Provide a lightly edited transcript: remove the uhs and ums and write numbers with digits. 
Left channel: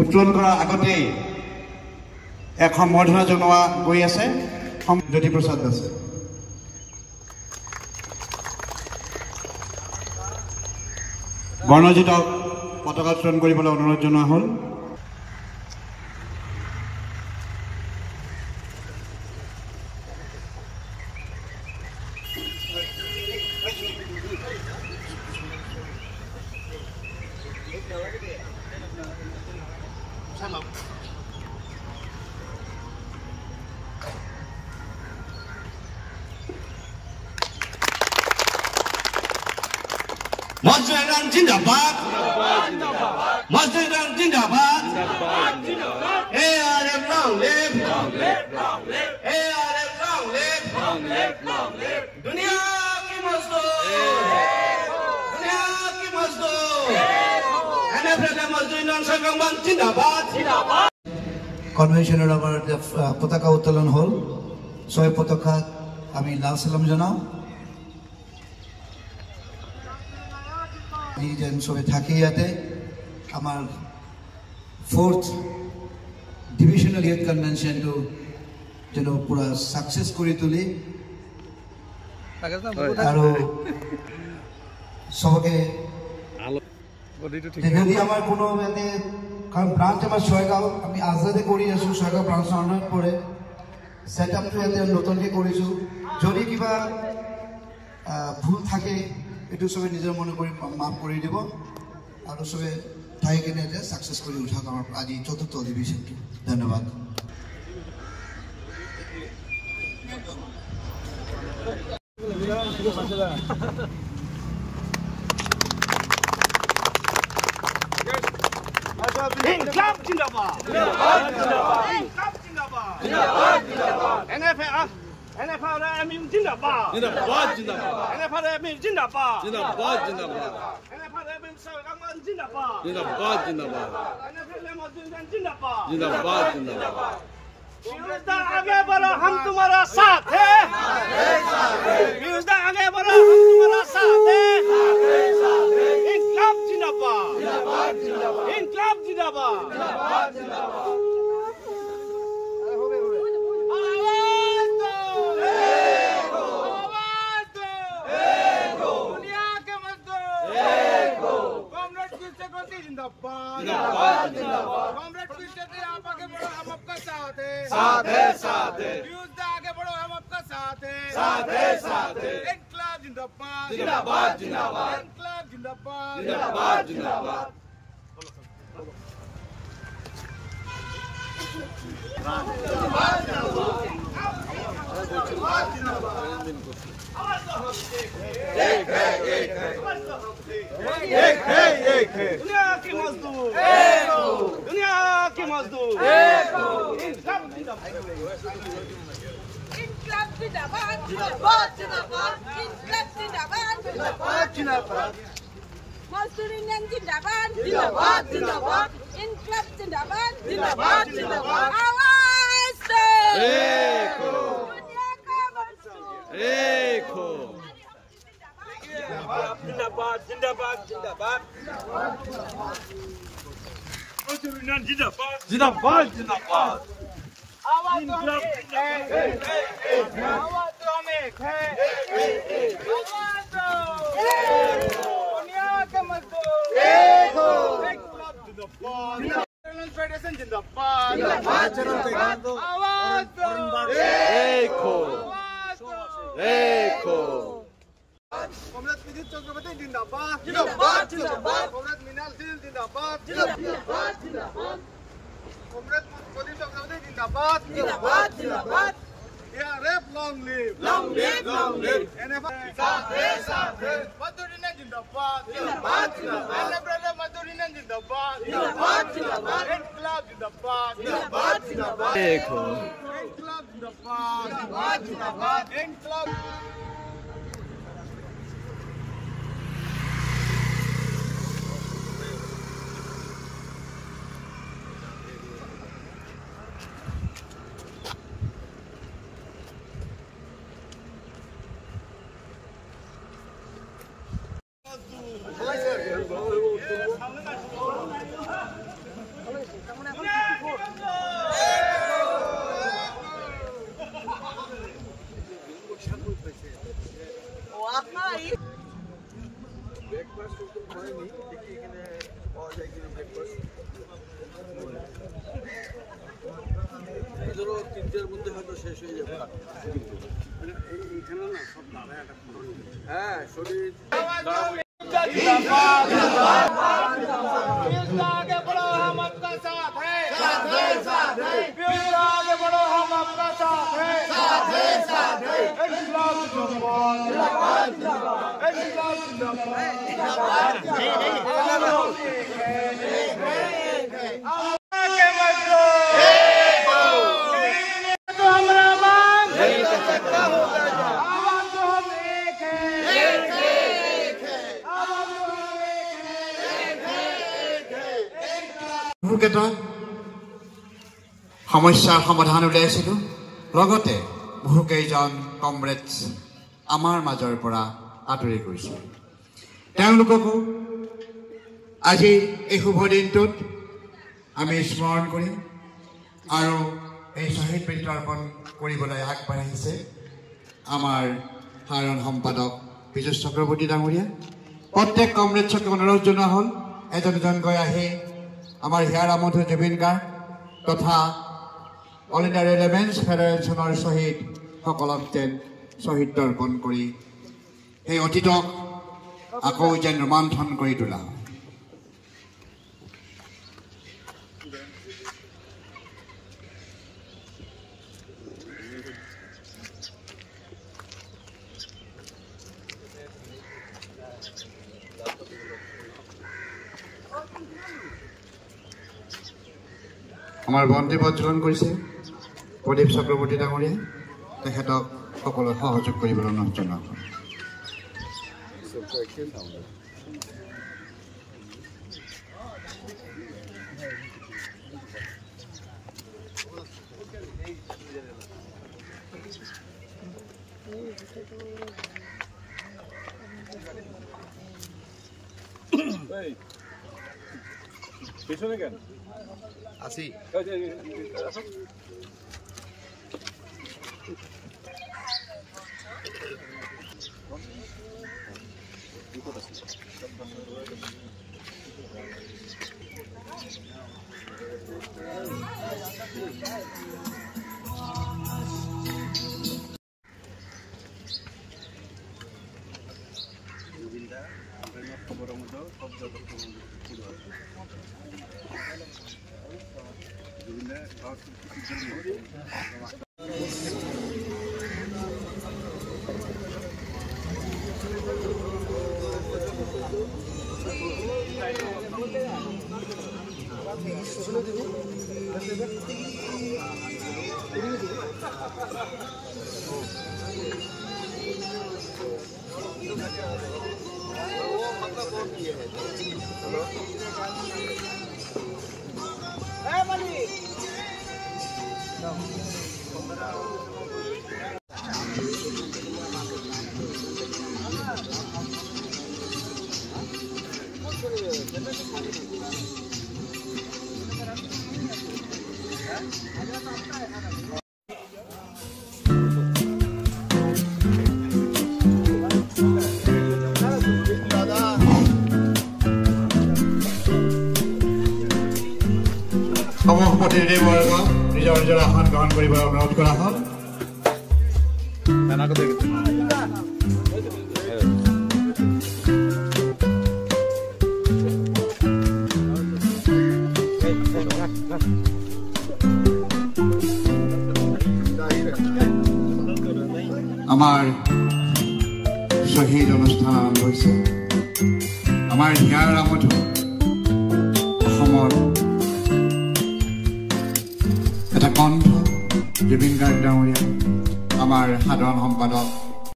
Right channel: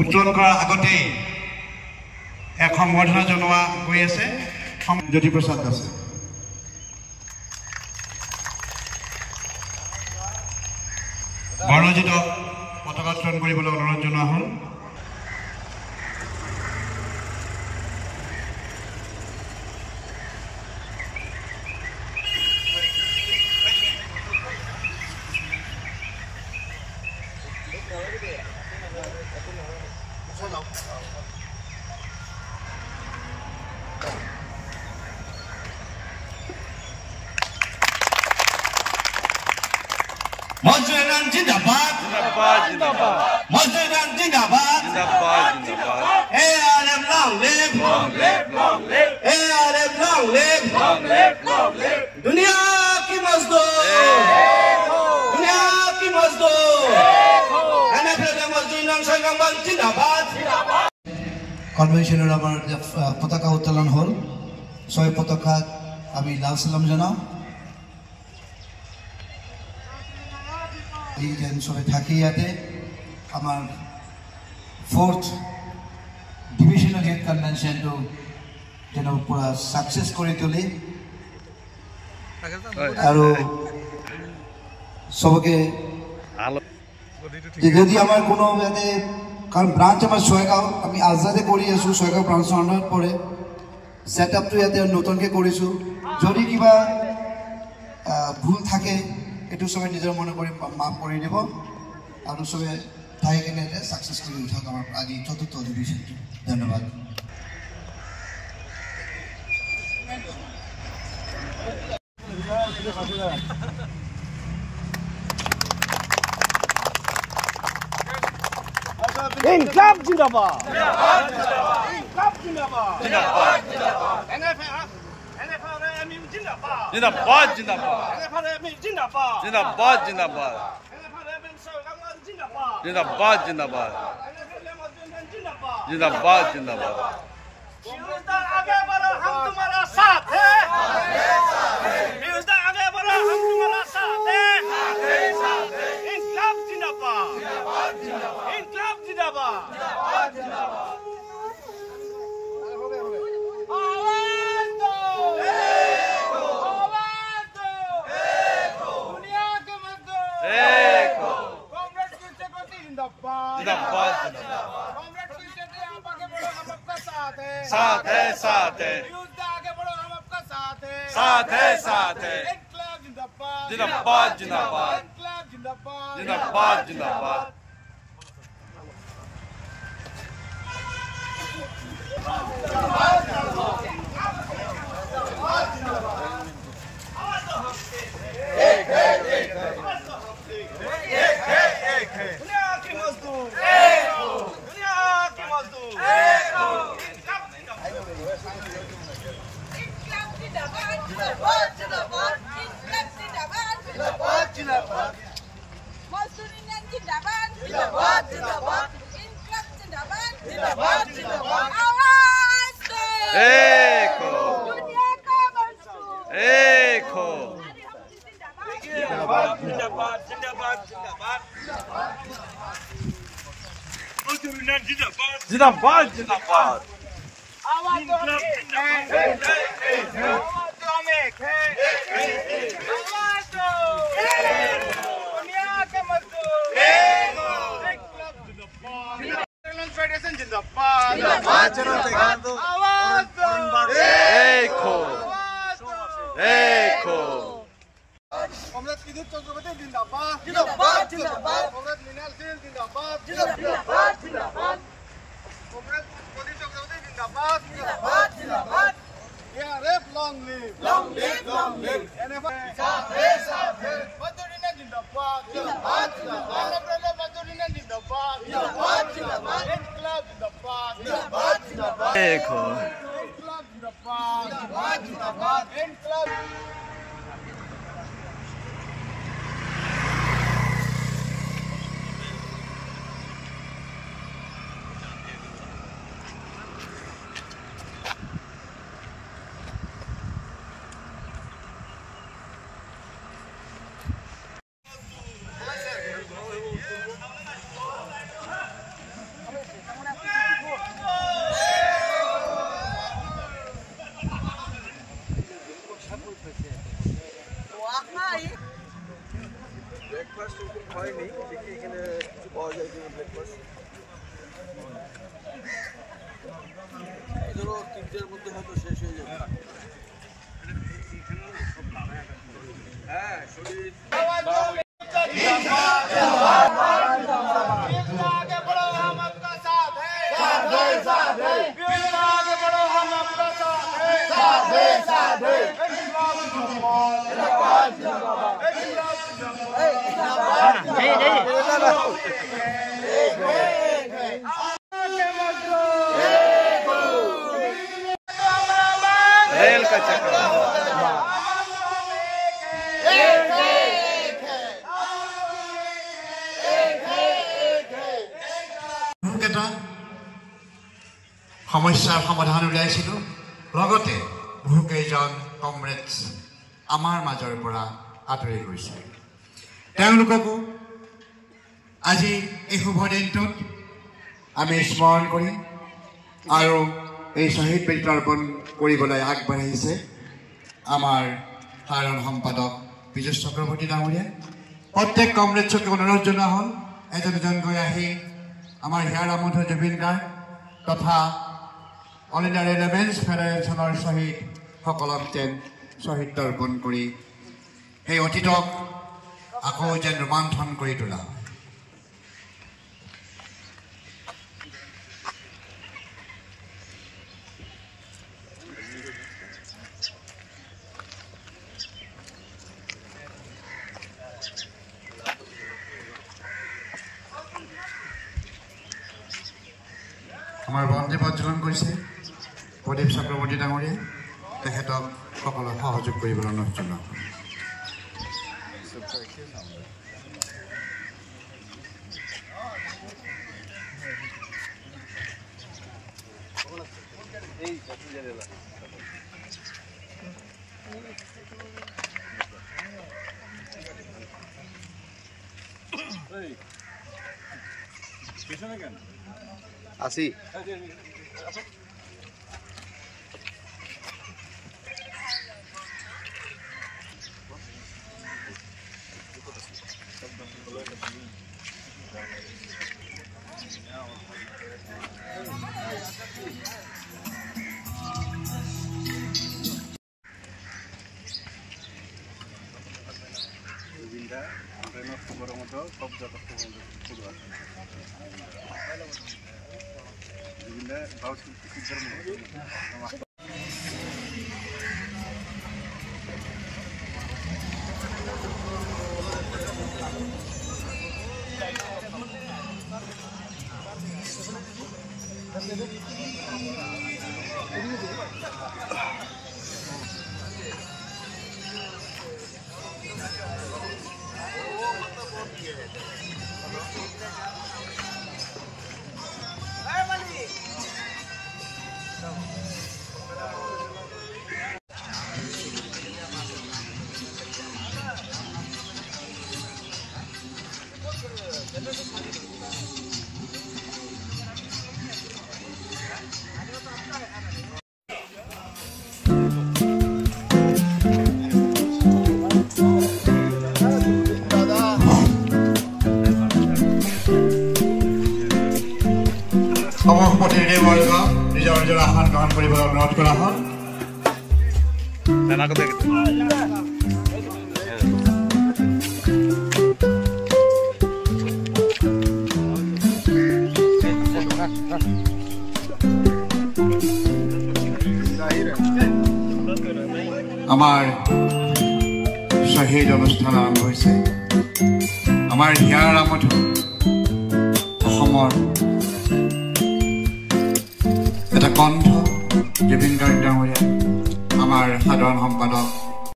উত্তোলন কৰাৰ আগতেই এক সম্বৰ্ধনা জনোৱা গৈ আছে জ্যোতিপ্ৰসাদ দাসে। বৰ্ণজিত পতাকা উত্তোলন কৰিবলৈ অনুৰোধ জনোৱা হ'ল। Mazdaran Jindabad, Mazdaran Jindabad, ARM long live, ARM long live, Dunia ki Mazdoor, Dunia ki Mazdoor, NFL Mazdoor Sangam Jindabad. কনভেনশনের আমার পতাকা উত্তোলন হল, ছয় পতাকা আমি লাল সালাম জানাও। যেন সবাই থাকি ইয়াতে আমার 4th ডিভিশনাল ইউথ কনভেনশনটো যেন পুরা সাকসেস করে তুলি আৰু সবকে যদি আমাৰ কোনো ইয়াতে কাৰণ ব্ৰাঞ্চ আমাৰ সোয়েগাঁও আমি আজাদে কৰি আছো, সোয়েগাঁও ব্ৰাঞ্চৰ আন্ডাৰত পৰে। সেটআপটো ইয়াতে নতুনকে কৰিছো, যদি কিবা ভুল থাকে এটু সবাই নিজের মনে করে মাফ করে দিব আর সবাই ঠাই কেনে সাকসেস করে উঠাক আমার আজি 4th অধিবেশনটি। ধন্যবাদ। ইনকলাব জিন্দাবাদ, ইনকলাব জিন্দাবাদ, NFL Jindabad, Jindabad, Jindabad, NFL Jindabad, Jindabad, Jindabad, NFL Jindabad, Jindabad, Jindabad, NFL Jindabad, Jindabad, Jindabad. विरोधता आगे बढ़ो, हम तुम्हारा साथ हैं। विरोधता आगे बढ़ो, हम तुम्हारा साथ हैं। इनकलाब जिंदाबाद, इनकलाब जिंदाबाद। आवाज दो, आवाज दो, दुनिया के मजदूर, कॉमरेड की सेक्रेटरी जिंदाबाद, Jindabad, Jindabad. कॉमरेड की सेक्रेटरी आप आगे बढ़ो, हम आपका साथ है, साथ है, साथ है, विरोधता आगे बढ़ो, हम आपका साथ है, साथ है, साथ है. इनकलाब जिंदाबाद, Jindabad, Jindabad, इनकलाब जिंदाबाद, Jindabad, Jindabad. दुनिया की मजदूर, दुनिया की मजदूर, इनकलाब जिंदाबाद, इनकलाब जिंदाबाद, जिंदाबाद, जिंदाबाद, इनकलाब जिंदाबाद, जिंदाबाद, जिंदाबाद, मजदूर यूनियन जिंदाबाद, जिंदाबाद, जिंदाबाद, इनकलाब जिंदाबाद, जिंदाबाद, जिंदाबाद, आवाज दो, Eko, दुनिया का मजदूर, Eko. जिंदाबाद, जिंदाबाद, जिंदाबाद, जिंदाबाद, मजदूर यूनियन जिंदाबाद, Jindabad, Jindabad. आवाज दो, आवाज दो, आवाज दो, दुनिया का मजदूर, इनकलाब जिंदाबाद, फेडरेशन जिंदाबाद, आवाज दो, Eko, आवाज दो, Eko. कॉमरेड विद्युत चक्रवर्ती जिंदाबाद, जिंदाबाद, जिंदाबाद, कॉमरेड मीनाल सिंह जिंदाबाद, जिंदाबाद, जिंदाबाद, कॉमरेड मोदी चक्रवर्ती जिंदाबाद, जिंदाबाद, जिंदाबाद, ARF long live, long live, long live, NFL साथ है, मजदूर यूनियन जिंदाबाद, जिंदाबाद, जिंदाबाद, NFL मजदूर यूनियन जिंदाबाद, जिंदाबाद, जिंदाबाद, इनकलाब जिंदाबाद, जिंदाबाद, जिंदाबाद, Eko. इनकलाब जिंदाबाद, जिंदाबाद, जिंदाबाद, इनकलाब आगे बढ़ो हम आपका साथ है साथ है साथ है आगे बढ़ो हम आपका साथ है साथ है साथ है इस्लाम जिंदाबाद जिंदाबाद इस्लाम जिंदाबाद रेल का चक्कर বহুকেইটা সমস্যাৰ সমাধান উলিয়াইছিলোঁ লগতে বহুকেইজন কমৰেডছ আমাৰ মাজৰ পৰা আঁতৰি গৈছে তেওঁলোককো আজি এই শুভ দিনটোত আমি স্মৰণ কৰিম আৰু এই শ্বহীদ বেদী তৰ্পণ কৰিবলৈ আগবাঢ়িছে আমাৰ সাধাৰণ সম্পাদক পীযুষ চক্ৰৱৰ্তী ডাঙৰীয়া প্ৰত্যেক কমৰেডছকে অনুৰোধ জনোৱা হ'ল এজন এজনকৈ আহি আমাৰ হিয়াৰ মধু জুবিন গাৰ্গ তথা অল ইণ্ডিয়া ৰেলেভেন্স ফেডাৰেশ্যনৰ শ্বহীদসকলক যেন শ্বহীদ তৰ্পণ কৰি সেই অতীতক আকৌ যেন ৰোমান্থন কৰি তোলা আমাৰ বন্দী প্ৰজ্বলন কৰিছে প্ৰদীপ চক্ৰৱৰ্তী ডাঙৰীয়া তেখেতক সকলো সহযোগ কৰিবলৈ অনুৰোধ জনাওঁ পিছনে কেন আসি প্ৰতিনিধিবৰ্গ নিজৰ নিজৰ আসন গ্ৰহণ কৰিবলৈ অনুৰোধ কৰা হ'ল আমাৰ শ্বহীদ অনুষ্ঠান আৰম্ভ হৈছে আমাৰ হিয়াৰ